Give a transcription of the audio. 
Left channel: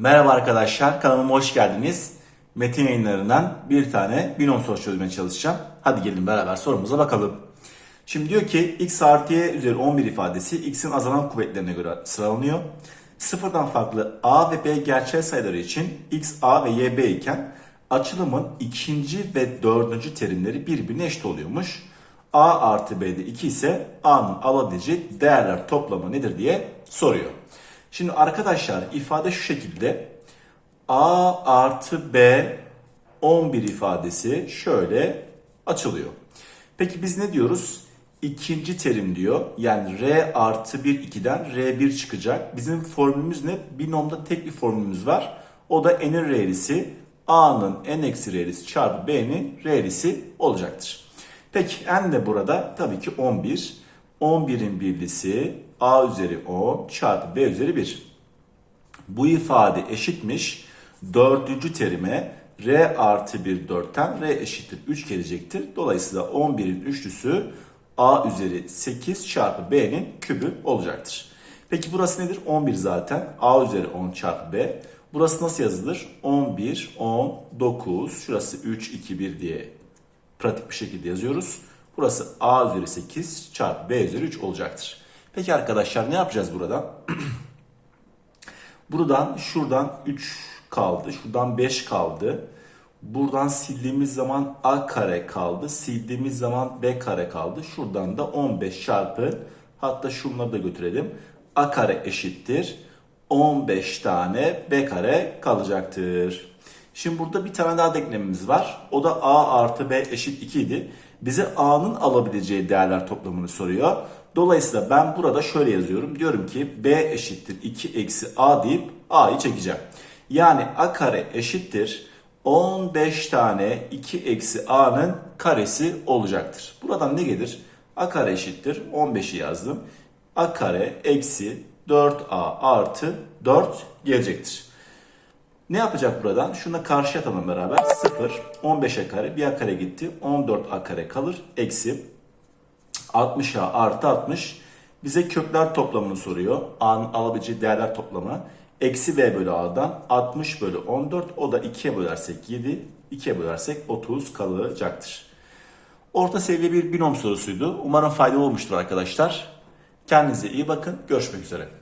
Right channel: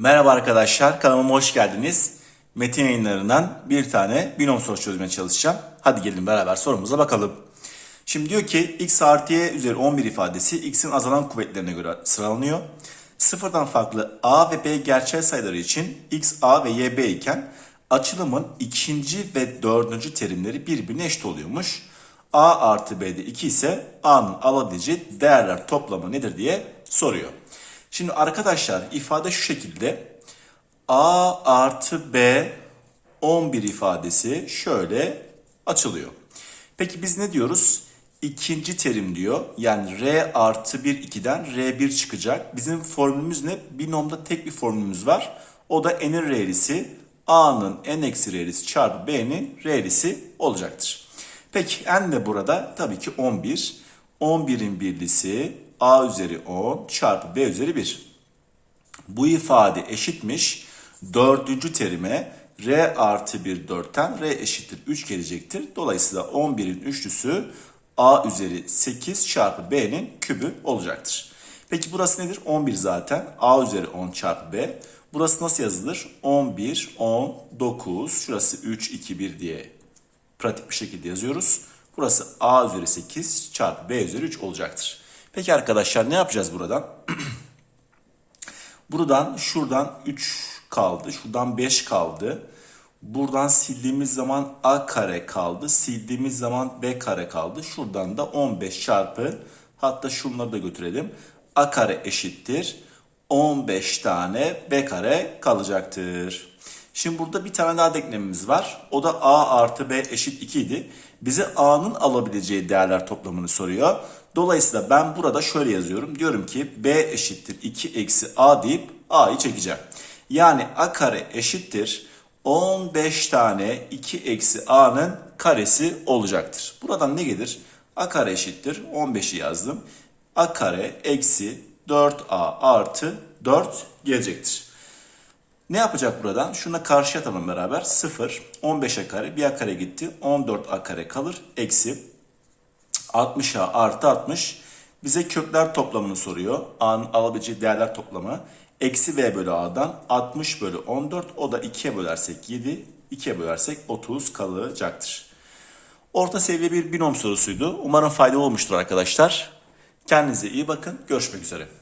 Merhaba arkadaşlar, kanalıma hoş geldiniz. Metin yayınlarından bir tane binom soru çözmeye çalışacağım. Hadi gelin beraber sorumuza bakalım. Şimdi diyor ki x artı y üzeri 11 ifadesi x'in azalan kuvvetlerine göre sıralanıyor. Sıfırdan farklı a ve b gerçel sayıları için x, a ve y, b iken açılımın ikinci ve dördüncü terimleri birbirine eşit oluyormuş. a artı b'de 2 ise a'nın alabileceği değerler toplamı nedir diye soruyor. Şimdi arkadaşlar ifade şu şekilde. A artı B 11 ifadesi şöyle açılıyor. Peki biz ne diyoruz? İkinci terim diyor. Yani R artı 1 2'den R1 çıkacak. Bizim formülümüz ne? Binomda tek bir formülümüz var. O da n'in R'lisi A'nın n eksi R'lisi çarpı B'nin R'lisi olacaktır. Peki n de burada tabii ki 11. 11'in birlisi A üzeri 10 çarpı B üzeri 1. Bu ifade eşitmiş dördüncü terime R artı 1 4'ten R eşittir 3 gelecektir. Dolayısıyla 11'in üçlüsü A üzeri 8 çarpı B'nin kübü olacaktır. Peki burası nedir? 11 zaten. A üzeri 10 çarpı B. Burası nasıl yazılır? 11, 10, 9. Şurası 3, 2, 1 diye pratik bir şekilde yazıyoruz. Burası A üzeri 8 çarpı B üzeri 3 olacaktır. Peki arkadaşlar ne yapacağız buradan? Buradan şuradan 3 kaldı. Şuradan 5 kaldı. Buradan sildiğimiz zaman A kare kaldı. Sildiğimiz zaman B kare kaldı. Şuradan da 15 çarpı hatta şunları da götürelim. A kare eşittir. 15 tane B kare kalacaktır. Şimdi burada bir tane daha denklemimiz var. O da A artı B eşit 2 idi. Bize A'nın alabileceği değerler toplamını soruyor. Dolayısıyla ben burada şöyle yazıyorum. Diyorum ki B eşittir 2 eksi A deyip A'yı çekeceğim. Yani A kare eşittir 15 tane 2 eksi A'nın karesi olacaktır. Buradan ne gelir? A kare eşittir 15'i yazdım. A kare eksi 4A artı 4 gelecektir. Ne yapacak buradan? Şuna karşı atalım beraber. 0, 15'e kare, bir a kare gitti. 14a kare kalır. Eksi 60a artı 60. Bize kökler toplamını soruyor. A'nın alabileceği değerler toplamı. Eksi b bölü a'dan 60 bölü 14. O da 2'ye bölersek 7. 2'ye bölersek 30 kalacaktır. Orta seviye bir binom sorusuydu. Umarım faydalı olmuştur arkadaşlar. Kendinize iyi bakın. Görüşmek üzere.